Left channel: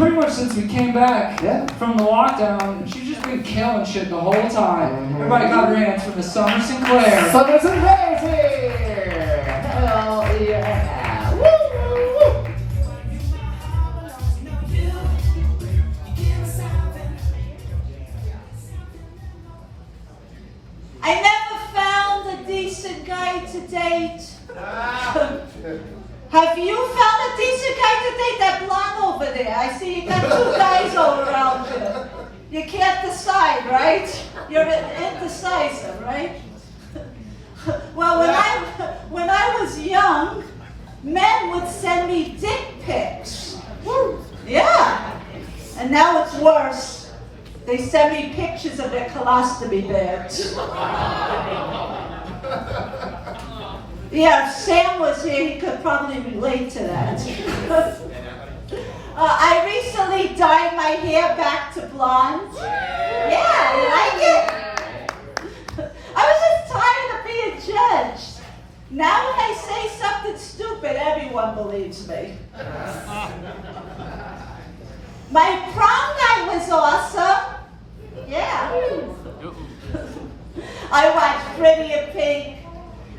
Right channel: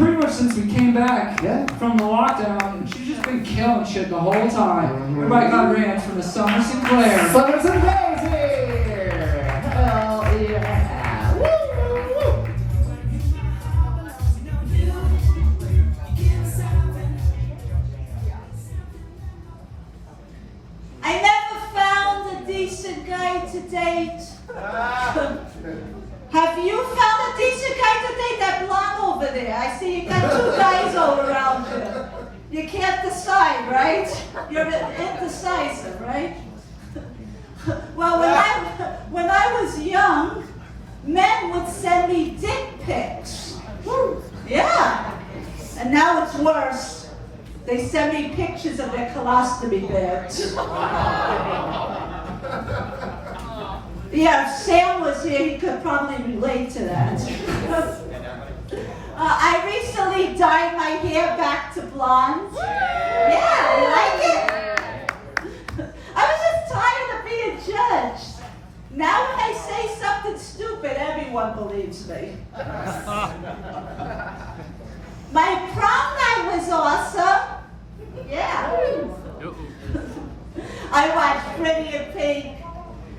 pretty much since we came back Yeah. from the lockdown, she's just been killing shit the whole time. Everybody got her hands from the Summer Sinclair. Summer Sinclair is here! Hell yeah! Woo! I never found a decent guy to date. Have you found a decent guy to date? That blonde over there. I see you got two guys all around you. You can't decide, right? You're indecisive, right? Well, when I was young, men would send me dick pics. Yeah. And now it's worse. They send me pictures of their colostomy bags. Yeah, if Sam was here, he could probably relate to that. I recently dyed my hair back to blonde. Yeah, you like it? I was just tired of being judged. Now when I say something stupid, everyone believes me. My prom night was awesome. Yeah. I watched Pretty in Pink.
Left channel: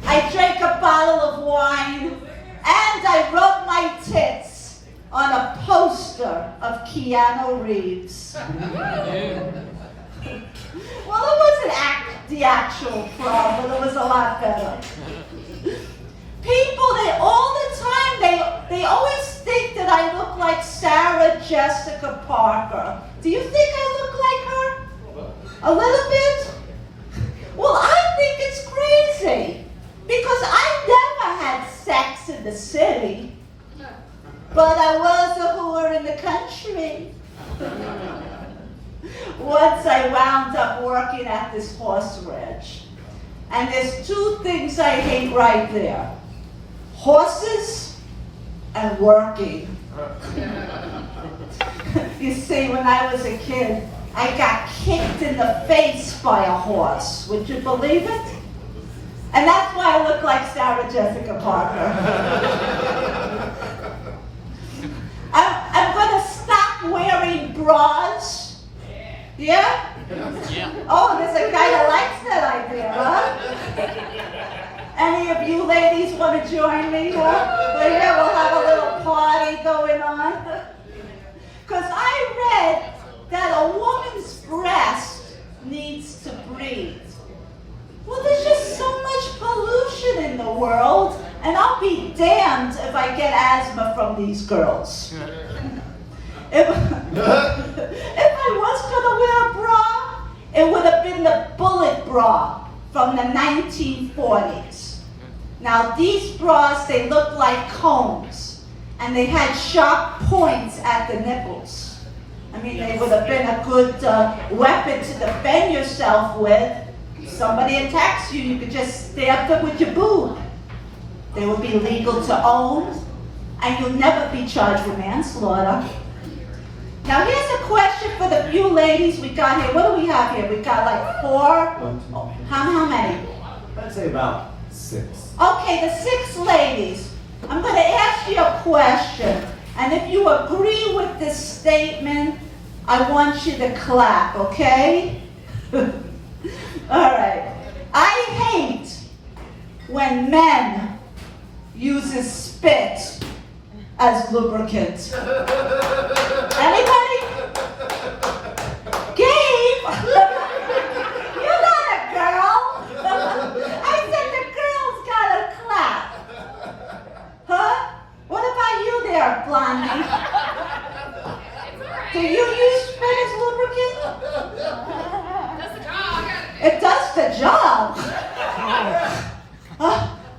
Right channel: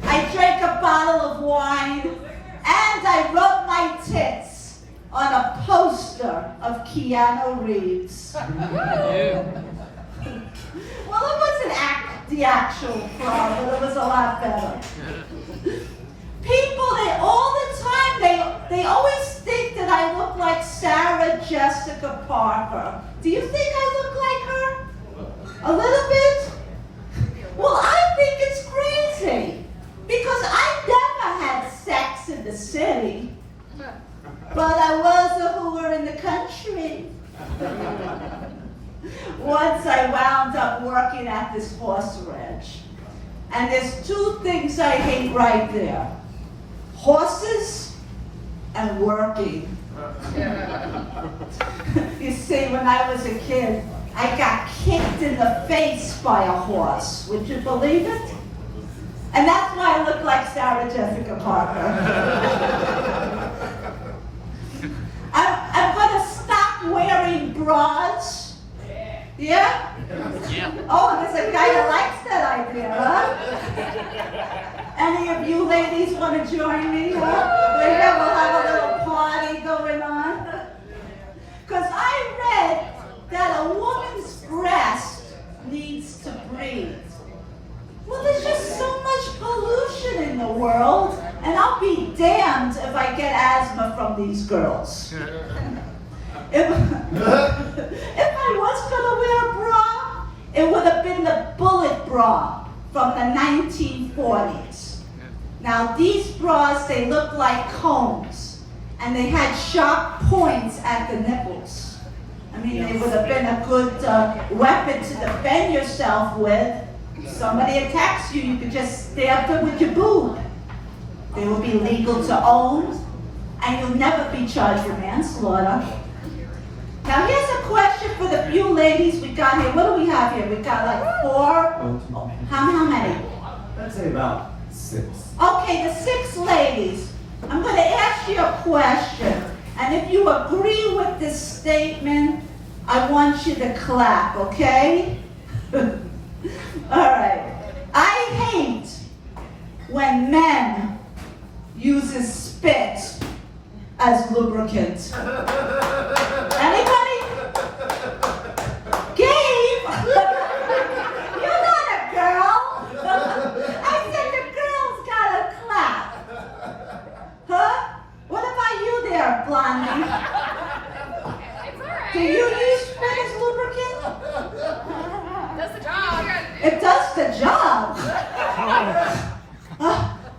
I drank a bottle of wine, and I rubbed my tits on a poster of Keanu Reeves. Well, it wasn't the actual prom, but it was a lot better. People, all the time, they always think that I look like Sarah Jessica Parker. Do you think I look like her? A little bit? Well, I think it's crazy. Because I never had sex in the city, but I was a whore in the country. Once I wound up working at this horse ranch, and there's two things I hate right there: horses and working. You see, when I was a kid, I got kicked in the face by a horse. Would you believe it? And that's why I look like Sarah Jessica Parker. I'm going to stop wearing bras. Yeah? Oh, there's a guy that likes that idea, huh? Any of you ladies want to join me? Later we'll have a little party going on. Because I read that a woman's breast needs to breathe. Well, there's just so much pollution in the world, and I'll be damned if I get asthma from these girls. If I was going to wear a bra, it would have been the bullet bra from the 1940s. Now, these bras, they look like combs, and they had sharp points at the nipples. I mean, they would have been a good weapon to defend yourself with. Somebody attacks you, you could just stab them with your boob. They would be legal to own, and you'll never be charged with manslaughter. Now here's a question for the few ladies we got here. What do we have here? We got like 4? How many? I'd say about 6. Okay, the 6 ladies. I'm going to ask you a question, and if you agree with this statement, I want you to clap, okay? All right. I hate when men use spit as lubricant. Anybody? Gabe? You're not a girl. I said the girl's got to clap. Huh? What about you there, Blondie? Do you use spit as lubricant? It does the job.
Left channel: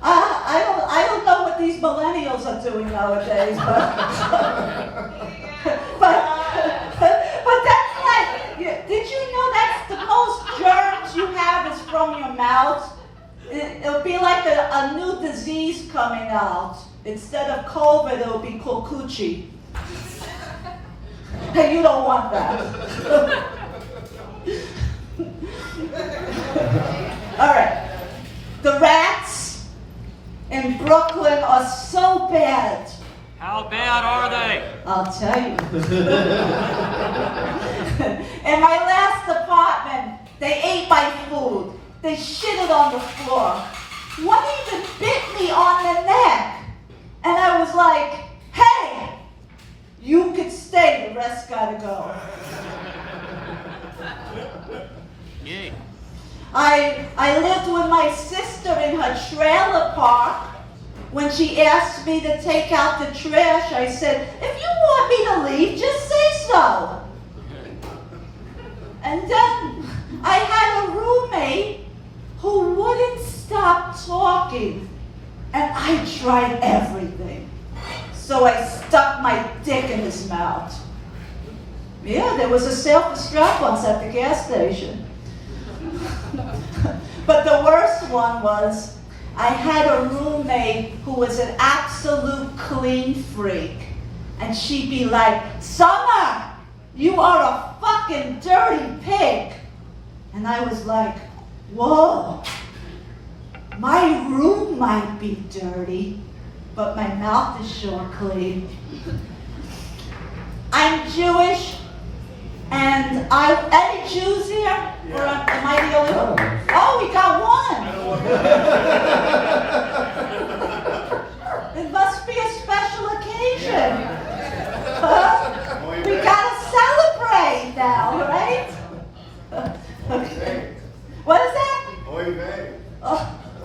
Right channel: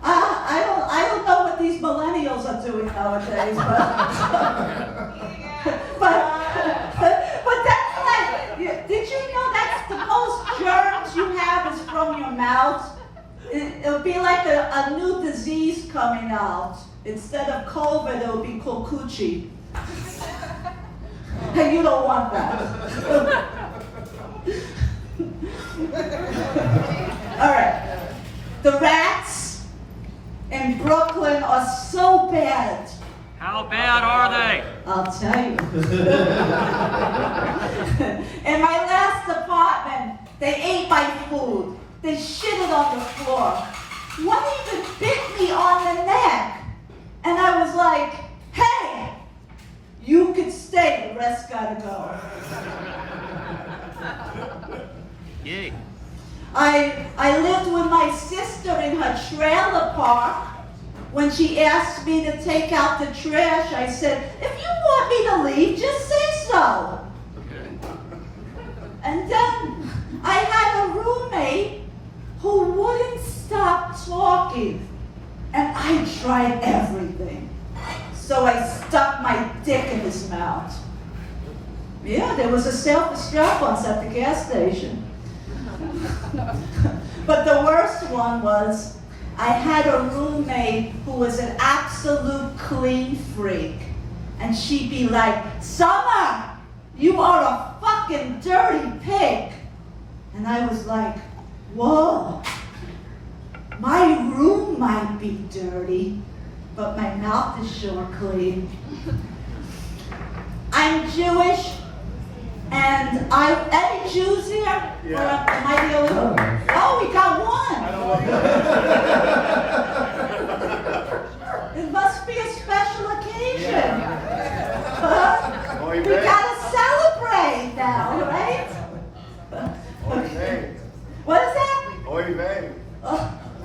I don't know what these millennials are doing nowadays, but that's like, did you know that's the most germs you have is from your mouth? It'll be like a new disease coming out. Instead of COVID, it'll be kokuchi. Hey, you don't want that. All right. The rats in Brooklyn are so bad How bad are they? I'll tell you. In my last apartment, they ate my food. They shitted on the floor. One even bit me on the neck. And I was like, hey, you can stay, the rest gotta go. Yay. I lived with my sister in her trailer park. When she asked me to take out the trash, I said, if you want me to leave, just say so. And then I had a roommate who wouldn't stop talking. And I tried everything. So I stuck my dick in his mouth. Yeah, there was a sale for strap-ons at the gas station. But the worst one was, I had a roommate who was an absolute clean freak. And she'd be like, Summer, you are a fucking dirty pig. And I was like, whoa, my room might be dirty, but my mouth is sure clean. I'm Jewish, and any Jews here? Yeah. Or am I the only one? Oh, we got one. It must be a special occasion. We gotta celebrate now, right? Okay. What is that?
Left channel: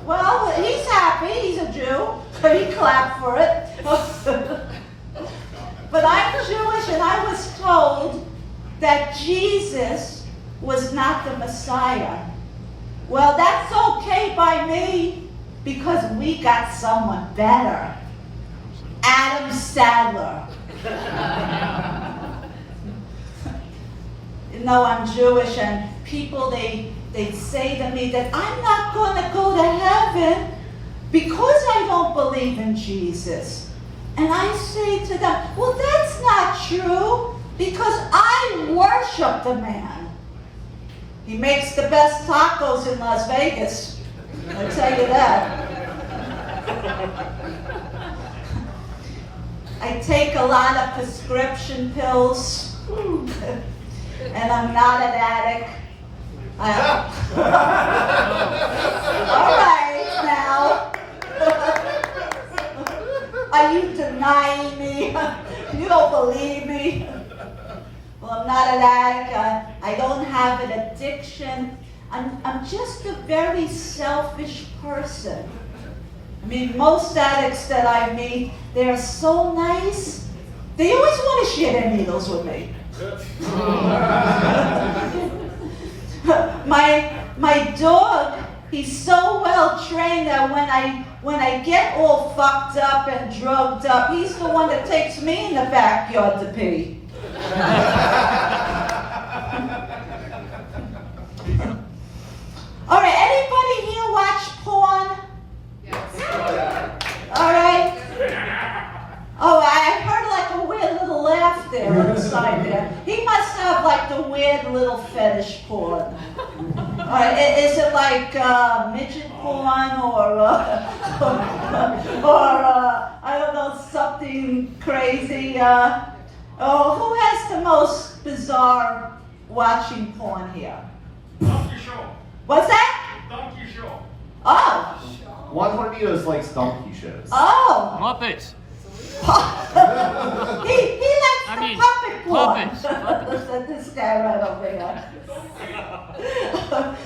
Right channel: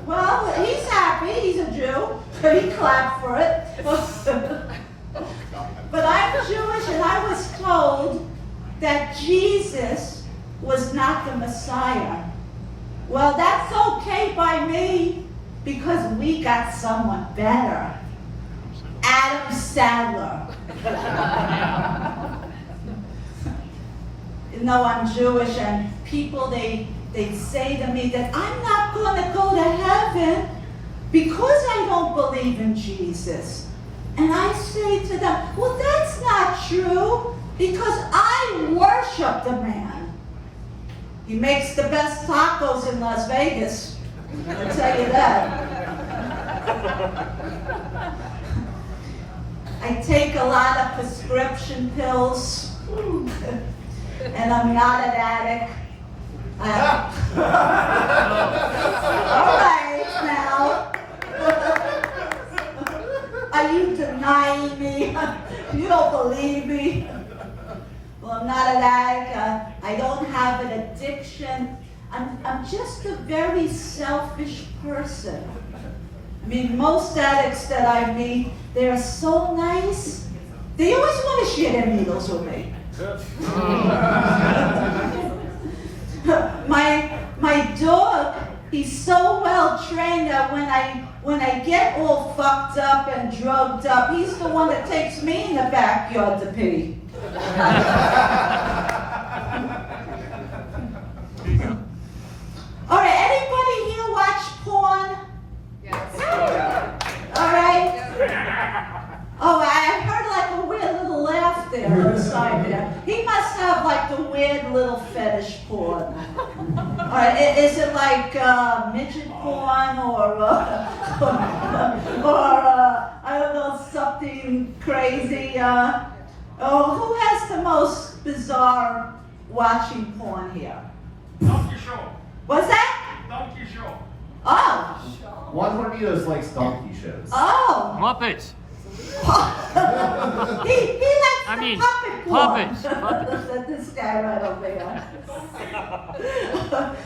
Well, he's happy. He's a Jew. He clapped for it. But I'm Jewish, and I was told that Jesus was not the Messiah. Well, that's okay by me, because we got someone better. Adam Sandler. You know, I'm Jewish, and people, they say to me that I'm not going to go to heaven because I don't believe in Jesus. And I say to them, well, that's not true, because I worship the man. He makes the best tacos in Las Vegas, I'll tell you that. I take a lot of prescription pills, and I'm not an addict. All right, now. Are you denying me? You don't believe me? Well, I'm not an addict. I don't have an addiction. I'm just a very selfish person. I mean, most addicts that I meet, they're so nice. They always want to share their needles with me. My dog, he's so well trained that when I get all fucked up and drugged up, he's the one that takes me in the backyard to pee. All right, anybody here watch porn? Yes. All right. Oh, I heard like a weird little laugh there on the side there. He must have like the weird little fetish porn. All right, is it like midget porn or I don't know, something crazy? Who has the most bizarre watching porn here? Donkey Show. What's that? Donkey Show. Oh. One of you likes donkey shows. Oh. Muppets. he likes puppet porn. Puppets. This guy right over here.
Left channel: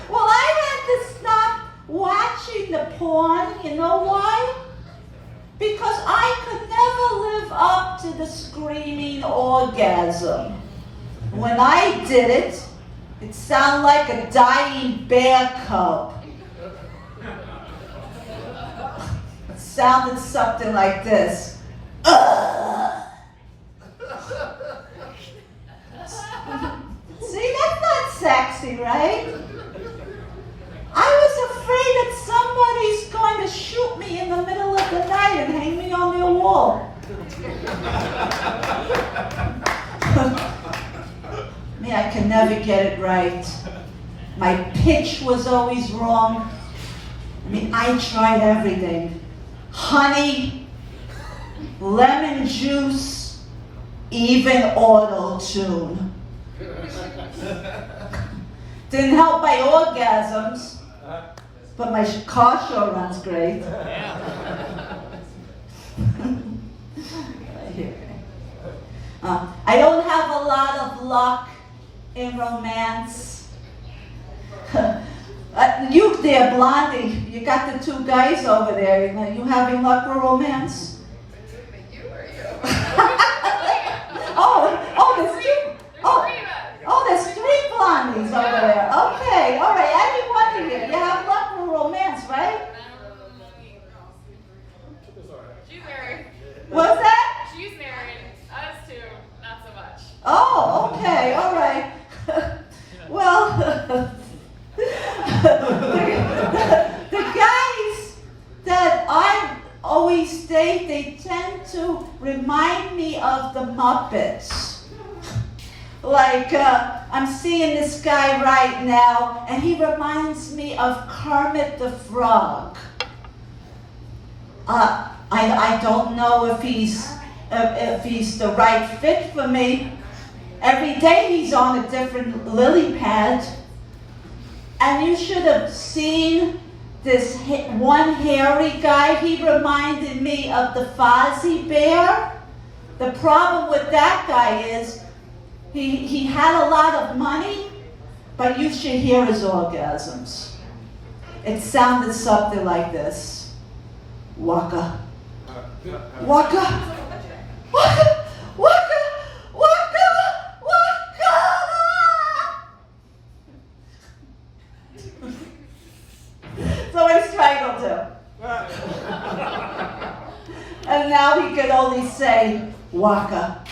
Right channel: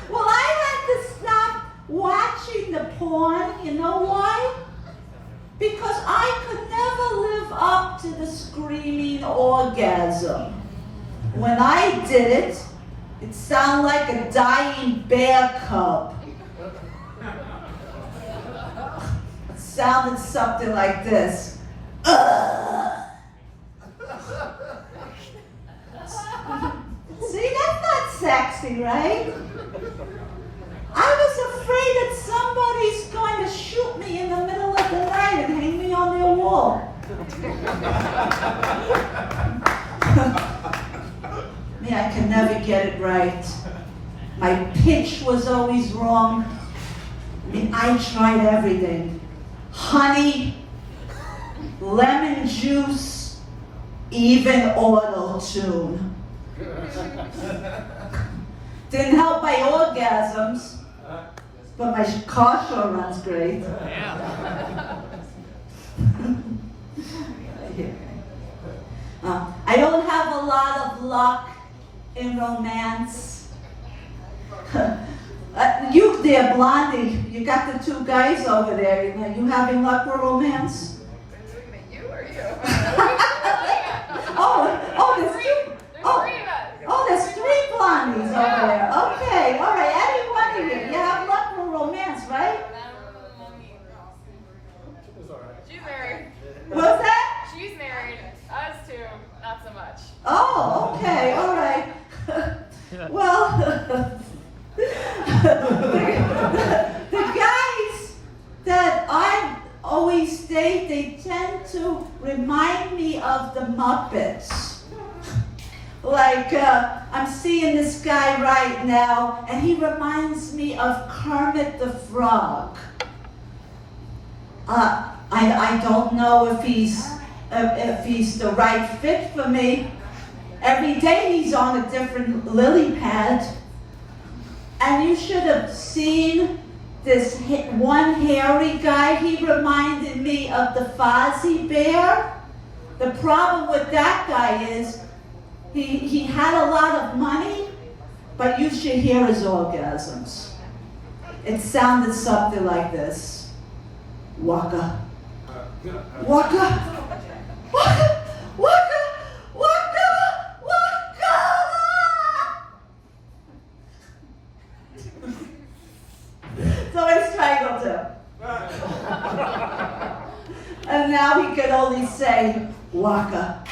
Well, I had to stop watching the porn. You know why? Because I could never live up to the screaming orgasm. When I did it, it sounded like a dying bear cub. It sounded something like this. See, that's not sexy, right? I was afraid that somebody's going to shoot me in the middle of the night and hang me on the wall. Me, I can never get it right. My pitch was always wrong. I mean, I tried everything. Honey, lemon juice, even auto-tune. Didn't help my orgasms, but my car show runs great. Yeah. I don't have a lot of luck in romance. You there, Blondie, you got the two guys over there. Are you having luck with romance? There's two. There's three Blondies over there. Okay, all right, every one of you. You have luck with romance, right? She's married. What's that? She's married. Us two, not so much. Oh, okay, all right. Well, the guys that I always date, they tend to remind me of the Muppets. Like, I'm seeing this guy right now, and he reminds me of Kermit the Frog. I don't know if he's the right fit for me. Every day he's on a different lily pad. And you should have seen this one hairy guy. He reminded me of the Fozzie Bear. The problem with that guy is he had a lot of money, but you should hear his orgasms. It sounded something like this. Waka. Waka. Waka. Waka. Waka. Waka. So I strangled him. And now he can only say, Waka.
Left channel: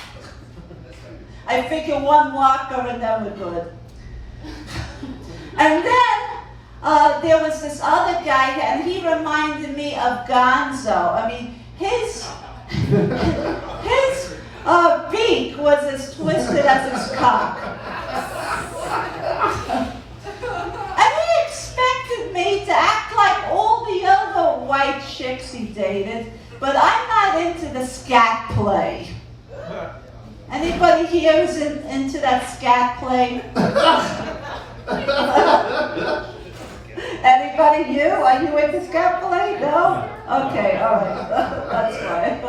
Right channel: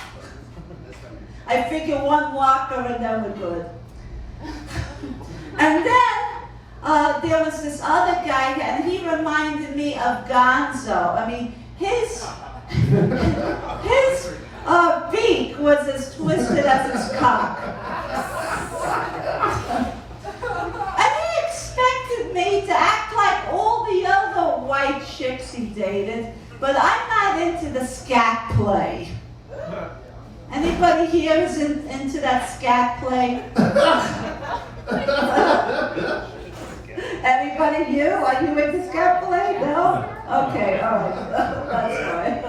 I figured one waka and then we're good. And then there was this other guy, and he reminded me of Gonzo. I mean, his beak was as twisted as his cock. And he expected me to act like all the other white chicks he dated, but I'm not into the scat play. Anybody here is into that scat play? Anybody? You? Are you into scat play? No? Okay, all right. That's fine.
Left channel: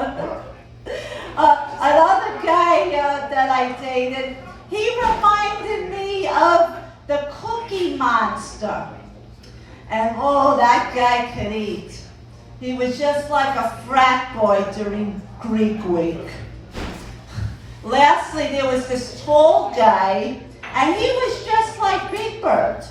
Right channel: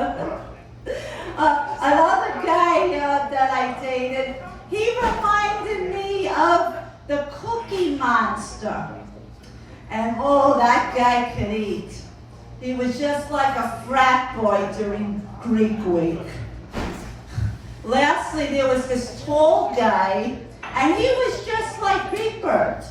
Another guy that I dated, he reminded me of the Cookie Monster. And oh, that guy could eat. He was just like a frat boy during Greek week. Lastly, there was this tall guy, and he was just like Big Bird.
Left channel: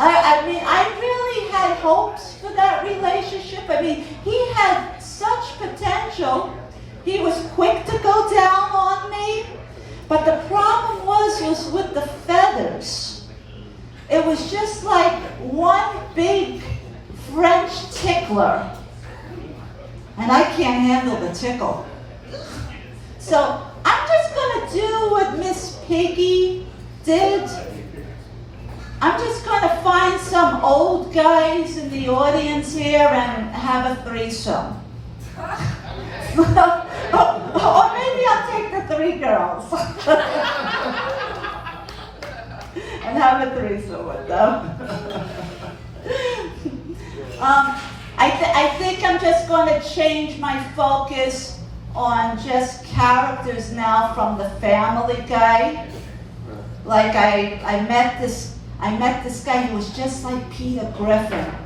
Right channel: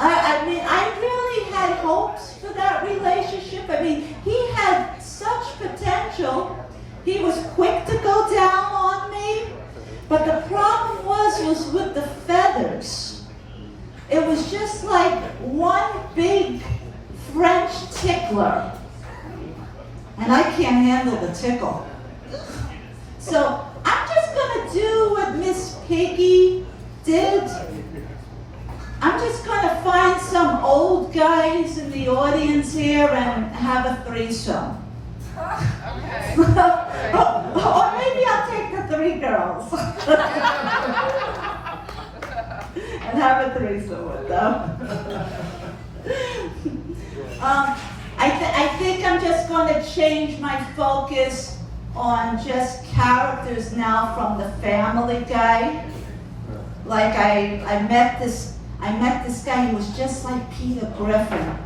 I mean, I really had hopes for that relationship. I mean, he had such potential. He was quick to go down on me, but the problem was with the feathers. It was just like one big French tickler, and I can't handle the tickle. So I'm just going to do what Miss Piggy did. I'm just going to find some old guys in the audience here and have a threesome. Or maybe I'll take the three girls and have a threesome with them. I think I'm just going to change my focus on just characters now from the Family Guy. Like I met this guy who was just like Peter Griffin.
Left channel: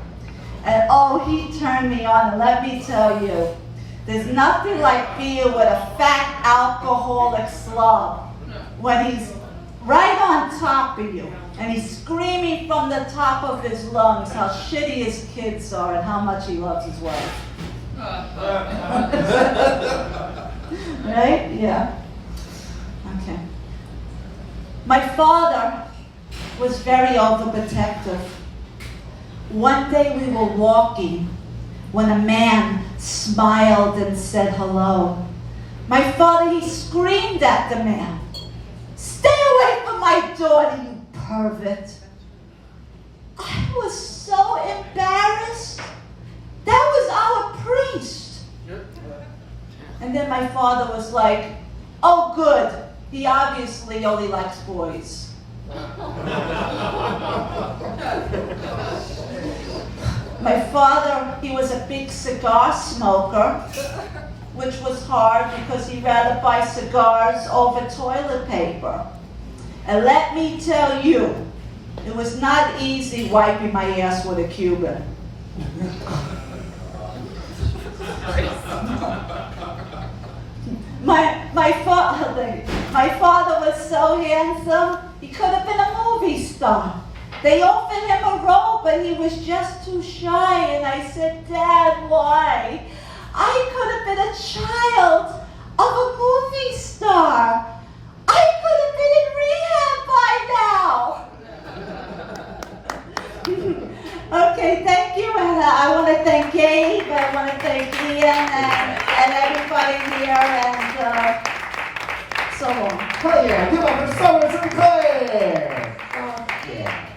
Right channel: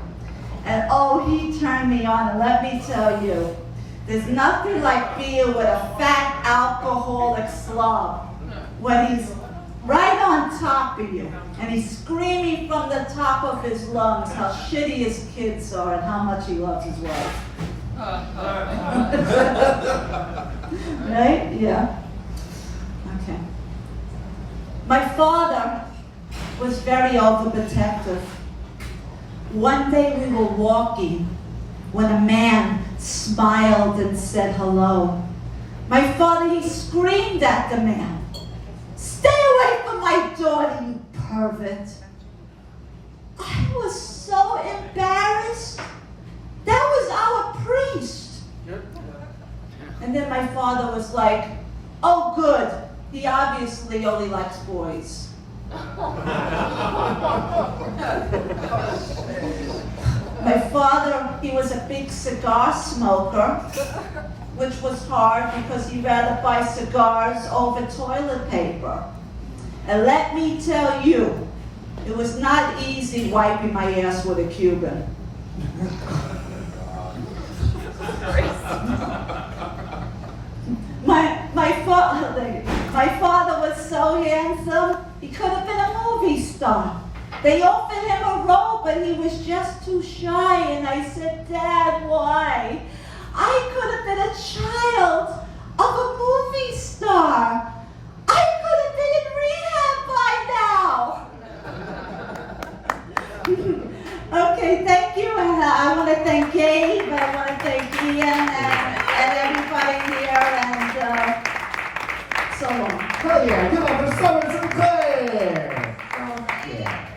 And oh, he turned me on, and let me tell you, there's nothing like being with a fat alcoholic slob when he's right on top of you and he's screaming from the top of his lungs how shitty his kids are and how much he loves his wife. Right? Yeah. Okay. My father was very overprotective. One day we were walking when a man smiled and said hello. My father, he screamed at the man, "Stay away from my daughter, you pervert." I was so embarrassed. That was our priest. And then my father was like, oh good, he obviously only likes boys. My father, he was a big cigar smoker, which was hard because he'd rather buy cigars over toilet paper. And let me tell you, it was not easy wiping my ass with a Cuban. My father was so handsome, he could have been a movie star. They offered him a role, but he was just too shy. And I said, Dad, why? I could have been a child of a movie star. I could have been in rehab by now. Okay, thank you. And I want to thank Gabe, I want to thank Ian and everybody here, and so on. Hell yeah, give up for Summer Sinclair! Oh, yeah.